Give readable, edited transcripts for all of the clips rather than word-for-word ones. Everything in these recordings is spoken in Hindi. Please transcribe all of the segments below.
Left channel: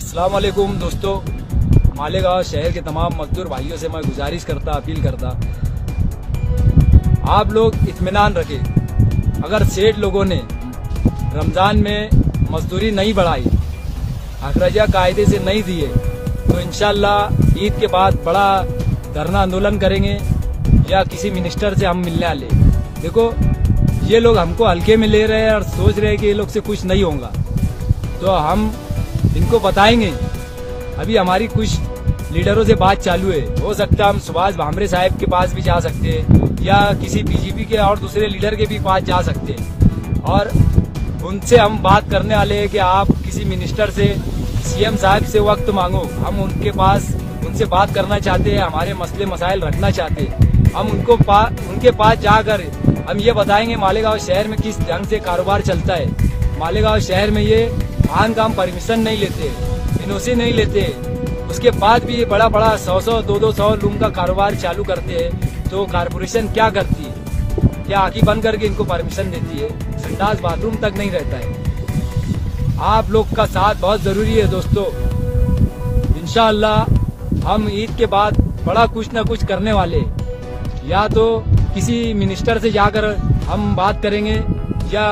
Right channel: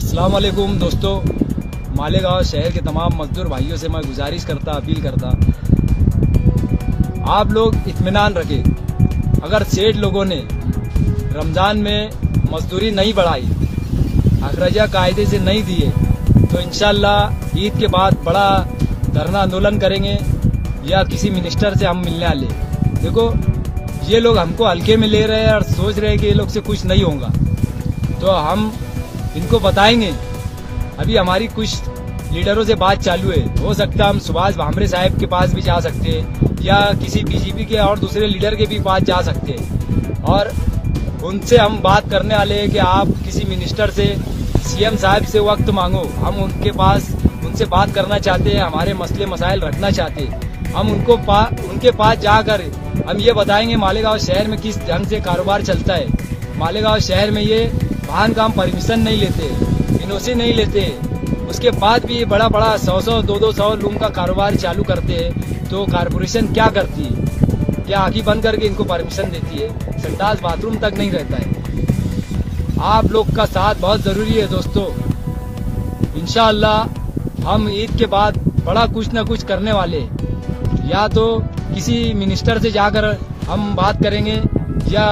अस्सलाम वालेकुम दोस्तों, मालेगांव शहर के तमाम मजदूर भाइयों से मैं गुजारिश करता, अपील करता, आप लोग इत्मीनान रखें। अगर सेठ लोगों ने रमजान में मजदूरी नहीं बढ़ाई, अखराजा कायदे से नहीं दिए, तो इंशाल्लाह ईद के बाद बड़ा धरना आंदोलन करेंगे या किसी मिनिस्टर से हम मिलने वाले। देखो, ये लोग हमको हल्के में ले रहे हैं और सोच रहे हैं कि ये लोग से कुछ नहीं होगा, तो हम इनको बताएंगे। अभी हमारी कुछ लीडरों से बात चालू है, हो सकता है हम सुभाष भामरे साहब के पास भी जा सकते हैं या किसी बीजेपी के और दूसरे लीडर के भी पास जा सकते हैं, और उनसे हम बात करने वाले हैं कि आप किसी मिनिस्टर से, सीएम साहब से वक्त मांगो। हम उनके पास उनसे बात करना चाहते हैं, हमारे मसले मसाइल रखना चाहते हैं। हम उनके पास जाकर हम ये बताएंगे मालेगांव शहर में किस ढंग से कारोबार चलता है। मालेगांव शहर में ये भान काम परमिशन नहीं लेते, एनओसी नहीं लेते, उसके बाद भी ये बड़ा 100 200 रूम का कारोबार चालू करते हैं। तो कारपोरेशन क्या करती है? क्या आंखें बंद करके इनको परमिशन देती है? संडास बाथरूम तक नहीं रहता है। आप लोग का साथ बहुत जरूरी है दोस्तों। इंशाअल्लाह हम ईद के बाद बड़ा कुछ न कुछ करने वाले, या तो किसी मिनिस्टर से जाकर हम बात करेंगे, या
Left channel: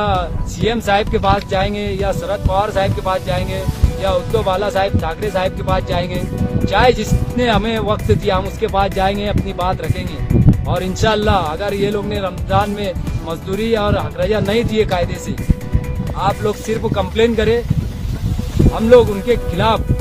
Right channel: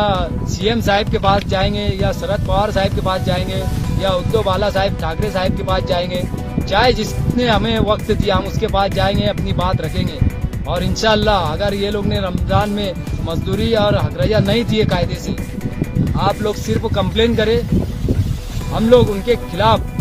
सीएम साहब के पास जाएंगे, या शरद पवार साहब के पास जाएंगे, या उद्धव बाला साहब ठाकरे साहब के पास जाएंगे। चाहे जिसने हमें वक्त दिया हम उसके पास जाएंगे, अपनी बात रखेंगे। और इंशाअल्लाह अगर ये लोग ने रमजान में मजदूरी और हकरजा नहीं दिए कायदे से, आप लोग सिर्फ कंप्लेन करें, हम लोग उनके खिलाफ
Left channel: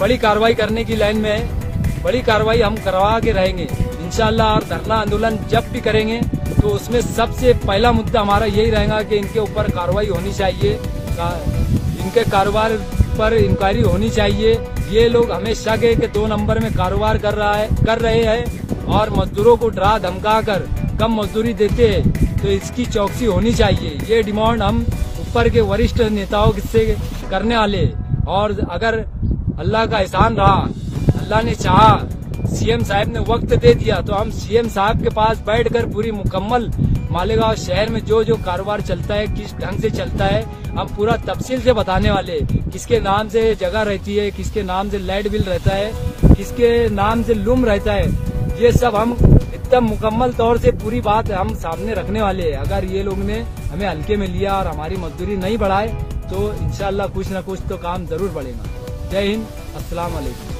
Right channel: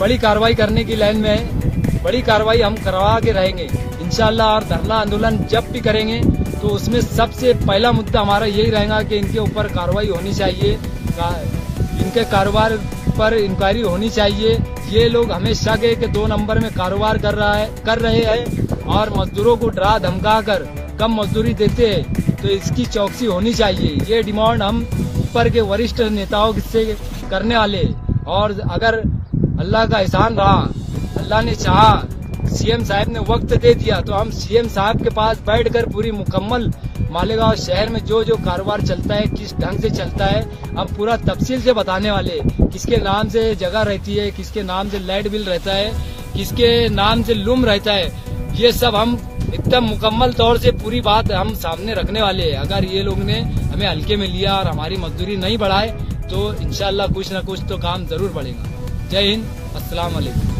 बड़ी कार्रवाई करने की लाइन में है। बड़ी कार्रवाई हम करवा के रहेंगे इंशाअल्लाह। और धरना आंदोलन जब भी करेंगे तो उसमें सबसे पहला मुद्दा हमारा यही रहेगा कि इनके ऊपर कार्रवाई होनी चाहिए, इनके कारोबार पर इंक्वायरी होनी चाहिए। ये लोग हमें शक है कि 2 नंबर में कारोबार कर रहे हैं और मजदूरों को डरा धमका कर कम मजदूरी देते हैं, तो इसकी चौकसी होनी चाहिए। ये डिमांड हम ऊपर के वरिष्ठ नेताओं से करने वाले। और अगर अल्लाह का एहसान रहा, अल्लाह ने चाहा, सीएम साहब ने वक्त दे दिया, तो हम सीएम साहब के पास बैठकर पूरी मुकम्मल मालेगांव शहर में जो जो कारोबार चलता है, किस ढंग से चलता है, हम पूरा तफसील से बताने वाले। किसके नाम से जगह रहती है, किसके नाम से लाइट बिल रहता है, किसके नाम से लूम रहता है, ये सब हम एकदम मुकम्मल तौर से पूरी बात हम सामने रखने वाले हैं। अगर ये लोग ने हमें हल्के में लिया और हमारी मजदूरी नहीं बढ़ाए, तो इंशाल्लाह कुछ न कुछ तो काम जरूर बढ़ेगा। जय हिंद, अस्सलाम वालेकुम।